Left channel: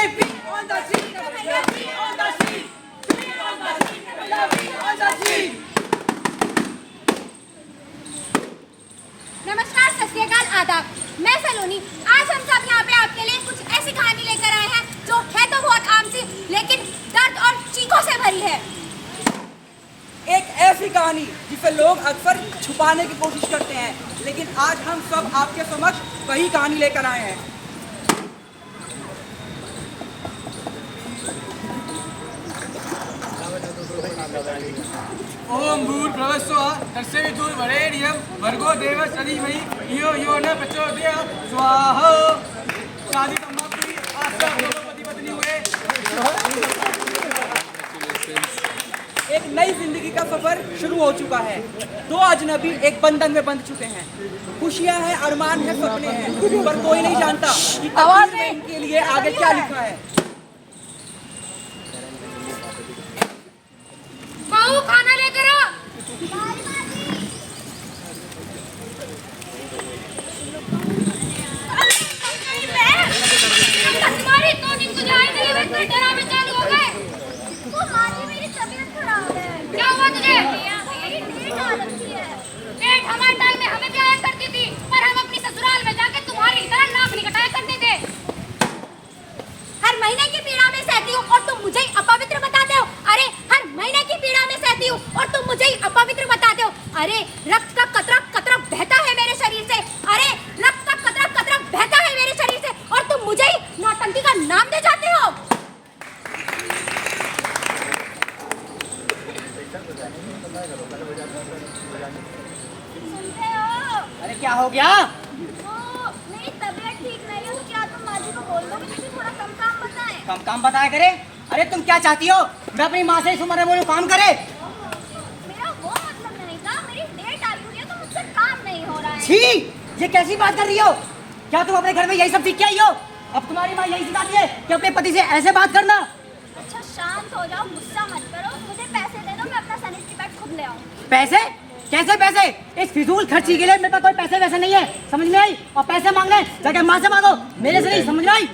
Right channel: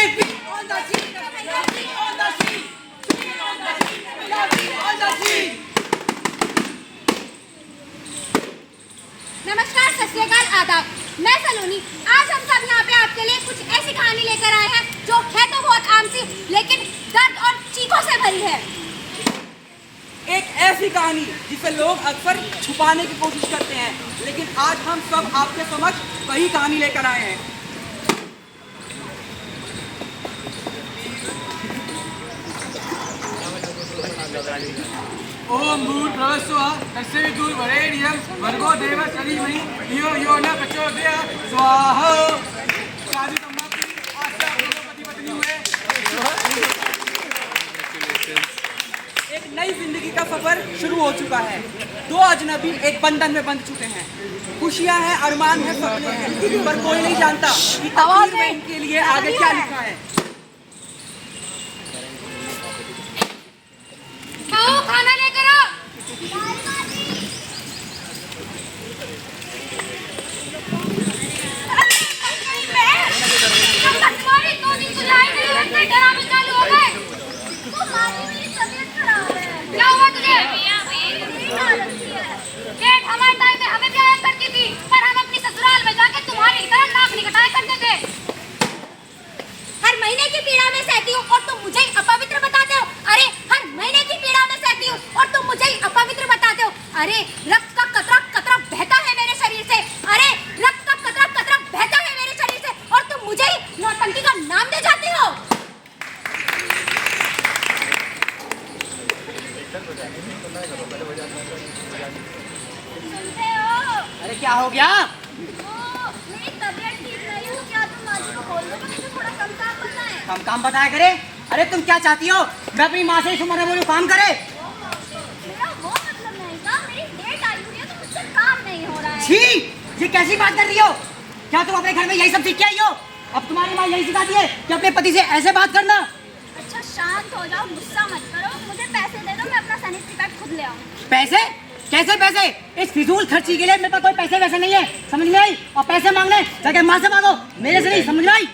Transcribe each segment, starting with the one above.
say free on the street, free on the street, free on the street, free on the street. नमस्कार, सत श्री अकाल, आदाब। मैं सलोनी। आज हम सब यहाँ पे आपके लिए कुछ ऐसी कहानी लेकर आए हैं जो है तो बहुत आम सी, लेकिन दर्द और चीखों से भरी है। एक ऐसी कहानी जिसे लोग अक्सर छुपाने की कोशिश करते हैं, लेकिन आज हम सब आपके समक्ष वही कहानी लेकर आए हैं। ओम भूर्भुवस्सुः तत्सवितुर्वरेण्यं भर्गो देवस्य धीमहि धियो यो न प्रचोदयात् स्वाहा। शादी समाप्ति। आज से आप दोनों पति पत्नी हुए। एक नई जिंदगी का सफर शुरू हो चुका है। दो अजनबी एक बंधन में बंध चुके हैं। खुशियां हैं, अरमान है, सपने हैं, पर कोई नहीं जानता कि तकदीर में इनके लिए आगे क्या लिखा है। खाना लेकर आओ। तुम्हारी तो नींद सुझाई नहीं और फिर डरावे चालू हो गए। तो माजी, मेरी तबीयत खराब है। क्या हुआ तुझे? मेरी हालत की है। देख, हमारे टाइम में हमें क्या याद करती थी, पर हम अपनी ससुराल में जाके तुम्हारी तरह नाक निकटाए करते थे। हर महीने की पीड़ा में सहती हूँ और तुम मुझे ही अपवित्र बताते हो। अरे, हर महीने की पीड़ा में सहती हूँ और तुम मुझे ही अपवित्र बताते हो। अरे, रक्त का कतरा कतरा बहता है मेरे शरीर से। अरे, रक्त का कतरा कतरा बहता है मेरे शरीर से और तुम मुझे ही नौटंकी का नाम दे जाते हो। सुनते हो? अरे क्या हो गया? मेरी तबीयत ठीक नहीं है, तो क्या तुम माजी को बोल दोगे मुझे थोड़ा कम काम बताएं? कम काम बताया करे। अरे तुम क्या चाहती हो? मैं अपनी माँ से इस उम्र में बोलूं काम करे? मेरा वो मतलब नहीं था, मेरी डेट आई हुई है तो मुझसे काम नहीं हो रहा है। छी, ये कैसी बात कर रही हो? क्या तुम अपने घर में यही सब सीख के आई हो? अब तुम्हारी माँ यही सिखाती है कि अपने पति से ऐसे बात करना। अच्छा, शांत हो जाओ, गुस्सा मत करो। मुझे पैसे दे दो, मैं अपना सैनिटरी पैड खुद ले आऊँ। पैसे? कैसे पैसे? इस फिजूल खर्ची के लिए मेरे पास कोई पैसे वैसे नहीं है, समझ में आई? और पैसे मांगने जाके माँ से मांगो, मेरे से नहीं, समझ में आई?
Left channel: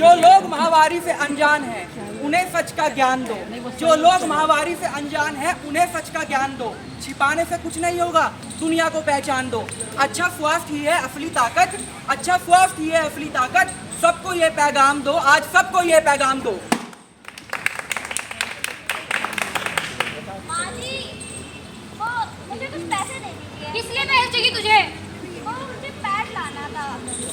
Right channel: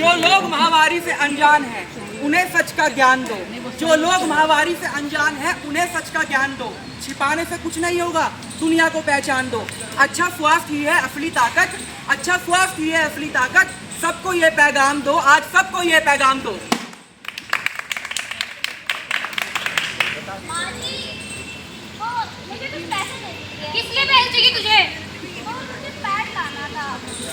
जो लोग महावारी से अनजान हैं, उन्हें सच का ज्ञान दो। जो लोग महावारी से अनजान हैं, उन्हें सच का ज्ञान दो। छिपाने से कुछ नहीं होगा, दुनिया को पहचान दो। अच्छा स्वास्थ्य ही है असली ताकत, अच्छा स्वास्थ्य ही है असली ताकत। सबको ये पैगाम दो, आज सबको ये पैगाम दो। माजी, वो मुझे कुछ पैसे दे दीजिए। किस लिए पैसे चाहिए तुझे? वो मुझे पैड लाना था।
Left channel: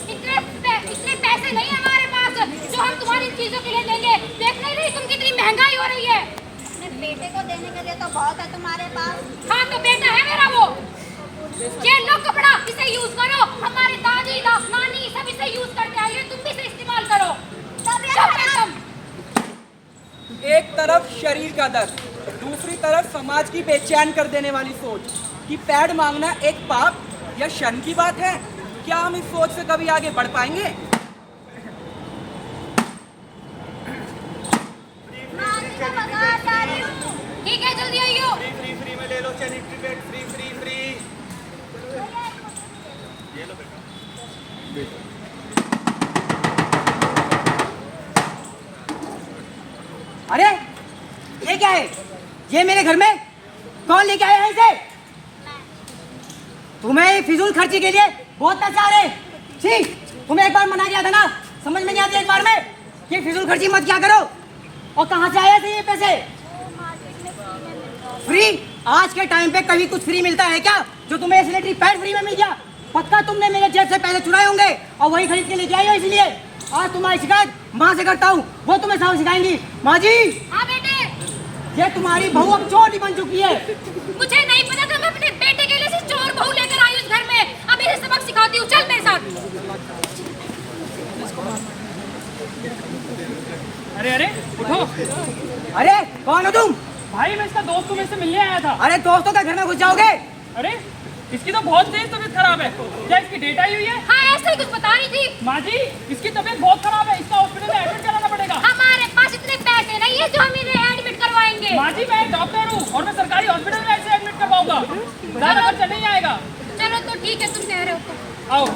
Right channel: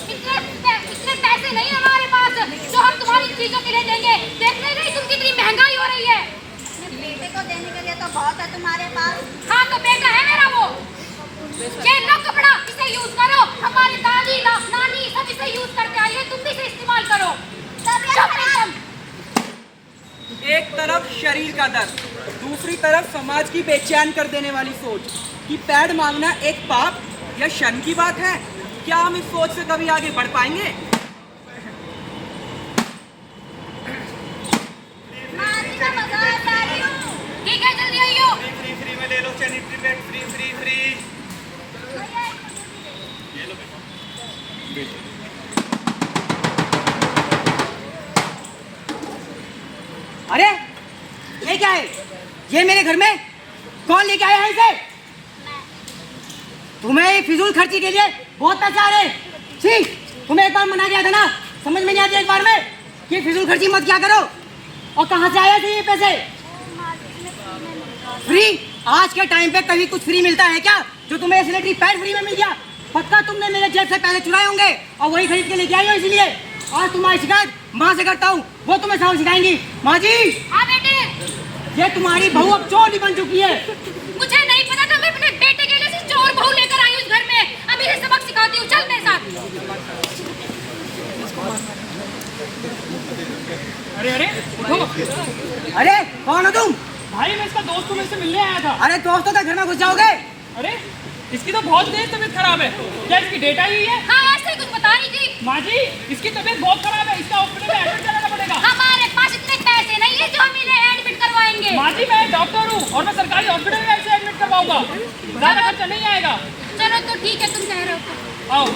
इतने पैसे नहीं है हमारे पास जो हम तुम्हारी चीजों के लिए देंगे। देखने नहीं तुम कितनी महंगाई हो रही है। अपने बेटे को देने के लिए तो बहुत है तुम्हारे पास। हाँ, तो बेटा है मेरा वो। ये लो कपड़ा, इसे यूज करो। हमारे दादी नानी सब इसे यूज करते आए हैं, तुम भी इसे इस्तेमाल करो। एक तरफ शरीर का दर्द, दूसरी तरफ समाज की बेचैन कर देने वाली सोच कि पैड मांगना एक पाप या शर्म की बात है। क्या हम इस सोच से कभी आगे बढ़ पाएंगे? ठीक है, जल्दी आइयो। फ्री में ले लो सैनिटरी पैड, फ्री। ये लो बेटा। अरे ये क्या है? ये मेरे घर में कौन लेके आया है इसे? तुम्हें फिजूल खर्ची के लिए बहुत पैसे आ रहे। छी, तुम्हें एक बार मना किया था ना, समझ में नहीं आती एक बार में कि फिजूल खर्ची मत क्या करो। और कहाँ से आए थे ये पैसे? फ्री? आज के टाइम पे कभी कुछ फ्री मिलता है क्या? जो तुम्हें सैनिटरी पैड फ्री में मिल गया? पक्का तुमने मेरे जेब से पैसे चुराए होंगे और वही खरीद के लेके आई हो, इसलिए आज तुम्हारी शिकायत माँ से करता हूँ, वो तुम्हें सबक सिखाएंगी। माँ जी, ये तुम्हारी बहू अब चोर ही बन चुकी है। मुझे नहीं पता था, मैं अपने बेटे के लिए सिर्फ चोर बहू लेकर आई हूँ इस घर में। अब इसे सबक सिखाती हूँ, चल मेरे साथ। अरे उठो। अरे कौन हो तुम? भाई, मैं इसका दोस्त हूँ, मैं इससे मिलने आया था। अरे दोस्तों के घर में घुस जाओगे? अरे, इसकी तो बहुत तेज तबीयत खराब है। क्या इसकी डेट आई हुई है? हाँ, ऐसे ही कुछ बता रही थी। माँ जी, इसकी तबीयत बहुत खराब है, इसका हॉस्पिटल में एडमिट कराना पड़ेगा। हमारे पास इतने पैसे नहीं है जो हम इन्हें एडमिट करवाएंगे। माँ जी, मैं डॉक्टर हूँ और मैं सरकारी हॉस्पिटल में ऐसे एडमिट करवाऊंगा, ज्यादा खर्चा नहीं आएगा। चलो तो ठीक है, तुम कह रहे हो तो। आओ।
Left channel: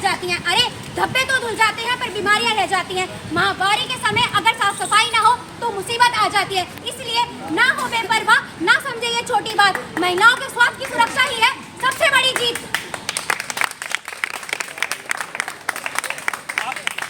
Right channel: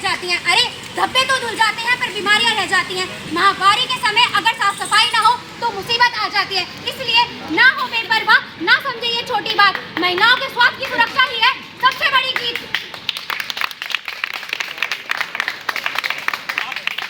जाती हैं। अरे धब्बे तो धुल जाते हैं पर बीमारियां रह जाती हैं। महामारी के समय अगर साफ सफाई ना हो तो मुसीबत आ जाती है। इसलिए ना हो बेपरवाह, ना समझे ये छोटी बात। महिलाओं के स्वास्थ्य की सुरक्षा ही है सबसे बड़ी जीत।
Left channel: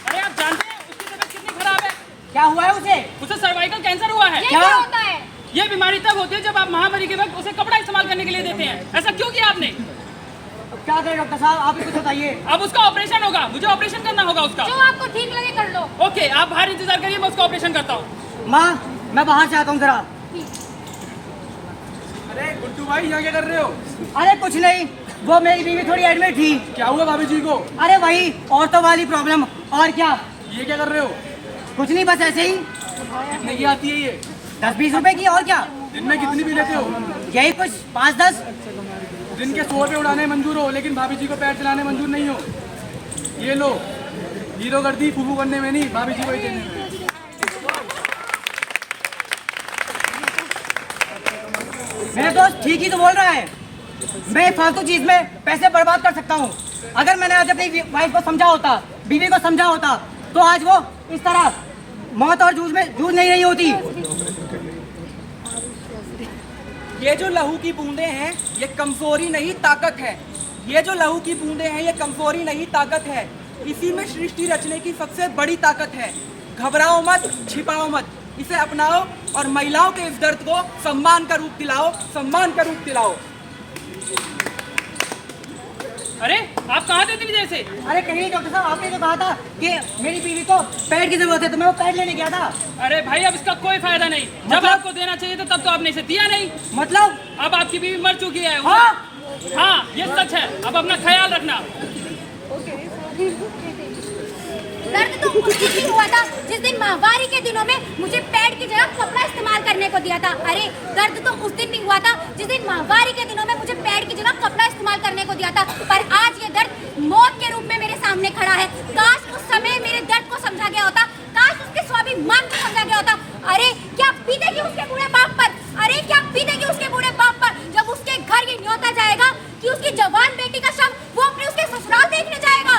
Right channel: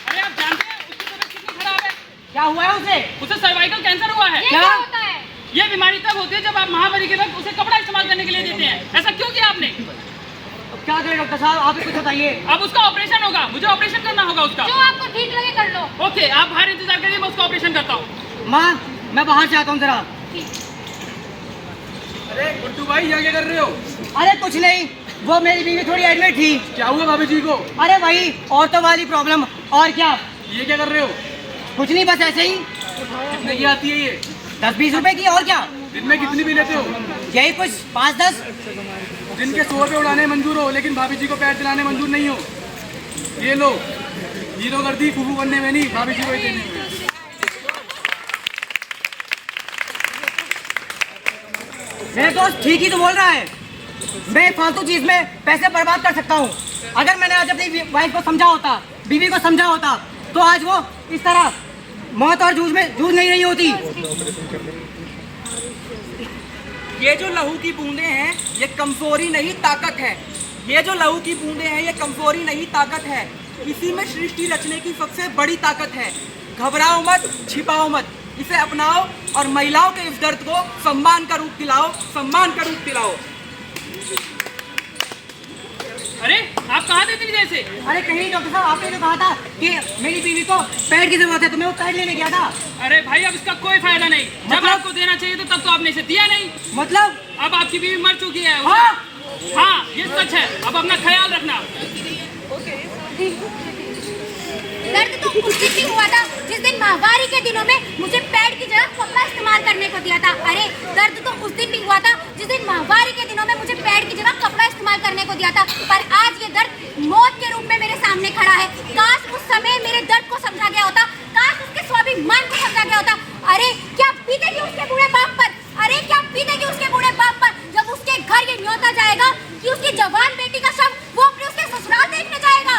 अरे आप जानते हैं उसकी तबीयत कितनी खराब है? क्या हुआ है उसे? उसे सर्वाइकल कैंसर हुआ है। ये क्या होता है? ये बीमारी तब होती है जब आप महामारी के वक्त उसे कपड़ा इस्तेमाल करने के लिए देते हैं। ऐसा क्यों किया आपने? अब क्या करें डॉक्टर साहब, आप ही कुछ बताइए। अब उसका ऑपरेशन होगा, मुझे ऑपरेशन करना होगा उसका। जो आपको ठीक लगे कर लो। ओके, आप बाहर इंतजार करिए, मैं उसका ऑपरेशन करता हूँ। माँ, मैं बाहर से आता हूँ जरा। अरे गुड्डू भाई यहाँ क्या कर रहे हो? अरे कुछ नहीं, वो मेरी बीवी थोड़ी एडमिट थी। क्या हुआ भाभी जी को? अरे वही औरतों वाली प्रॉब्लम, और क्या। ये क्या कर रहे हो? कुछ नहीं, बस ऐसे ही। कितने की आती है ये? 10-20 रुपए की, और क्या। दिन में कितनी भी लेते हो? यही कुछ 5-10। दिन के 100 रुपये उड़ाने मंजूर हो, लेकिन भाभी जी को पैर चलाने मंजूर नहीं हो। ये लो, हीरो गर्दी फूफू बनने में नहीं, भाभी जी को ही देने में। मेरे दोस्त ठीक ही तो बोल रहा है। मैं फालतू चीज में पैसे बर्बाद कर सकता हूँ। अगर मैंने आज अपनी वाइफ को समझा होता, बीवी को समझा होता, तो आज वो इस तरह मौत और जूझ नहीं रही होती। ये जो लहू की बूंदे हैं, ये कमजोरी नहीं ताकत है। ये जो लहू की बूंदे हैं, ये कमजोरी नहीं ताकत है। इसी में सृष्टि रचने की सबसे बड़ी ताकत है। घबराओ मत, छिपाओ मत, इसे अपनाओ और महिलाओं के इस दर्द को सम्मान का रूप दिलाओ, सम्मान का रूप दिलाओ। अरे आप कहाँ थे इतनी देर से? अरे कहीं डॉक्टर साहब, आपने तो कहा था कि मेरी बीवी को पैड की जरूरत है, तो मैं वो पैड लेने गया था। अरे भाई अब इसका कोई फायदा नहीं। जब मतलब? आपको देना चाहिए तो तब तो आपने इसे दिया नहीं। मतलब? अब आपकी बीवी मर चुकी है। हाँ? हाँ, ये सच है। अब अपना ख्याल रखना। दर्द तो उस दिन भी हुआ था जिस दिन माहवारी के दिनों में मुझे पैड की जगह कपड़ा इस्तेमाल करने को दिया था। अरे दर्द तो उस दिन भी हुआ था जिस दिन माहवारी के दिनों में मुझे पैड की जगह कपड़ा इस्तेमाल करने को दिया था। पर आज ये दर्द मौत के रूप में मेरे सामने खड़ा है। काश उस समय मेरे दर्द को समझा गया होता, काश उसके स्वाभिमान को समझा गया होता। अरे क्या बीतेगी उसके बूढ़े बाप पर, अरे क्या बीतेगी उसके बूढ़े बाप पर जब उसके घर ये न्योता जाएगा कि उसकी जवान बेटी का शव वो अपने उसके ससुराल देखने जाएगा।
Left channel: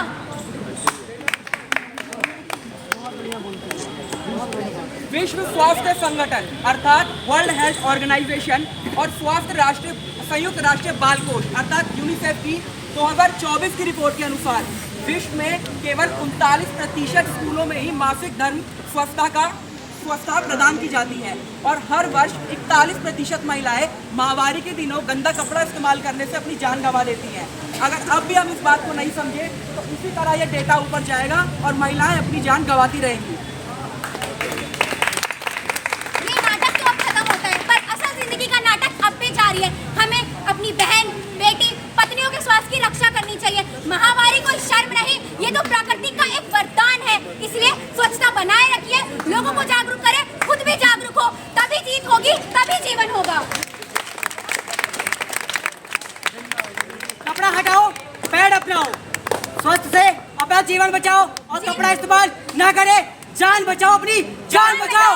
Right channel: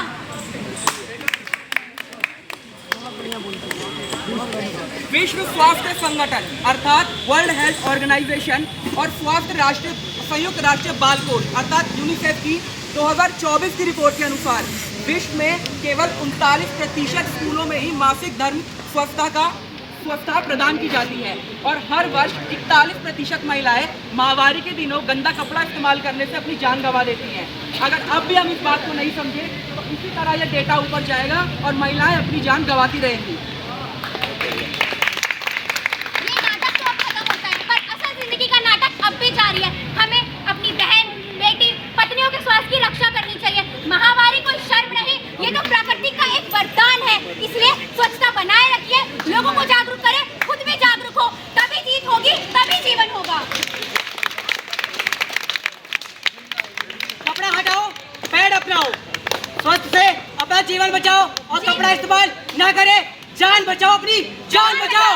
विश्व स्वास्थ्य संगठन अर्थात वर्ल्ड हेल्थ ऑर्गेनाइजेशन और संयुक्त राष्ट्र बाल कोष अर्थात यूनिसेफ की 2024 की रिपोर्ट के अनुसार विश्व में केवल 39% स्कूलों में ही मासिक धर्म स्वच्छता प्रदान की जाती है और हर वर्ष 41% महिलाएं माहवारी के दिनों गंदा कपड़ा इस्तेमाल करने से अपनी जान गंवा देती हैं। अगर अब भी हम इस बात को नहीं समझे तो इसी तरह यह डेटा ऊपर जाएगा और महिलाएं अपनी जान गंवाती रहेंगी। ये नाटक तो अब खत्म होता है, पर असल जिंदगी का नाटक अब भी जारी है। हमें अपनी बहन, बेटी, पत्नियों के स्वास्थ्य की रक्षा करनी चाहिए। महामारी कोई शर्म नहीं, ये तो प्रकृति का एक वरदान है। इसलिए स्वच्छता बनाए रखिए, लोगों को जागरूक करें, खुद भी जागरूक हो, तभी जीत होगी, तभी जीवन होगा। कपड़ा हटाओ, पैड अपनाओ, स्वस्थ से अपना जीवन बचाओ और कपड़ा इस्तेमाल ना करें। जान बचाओ, अपनी जान बचाओ।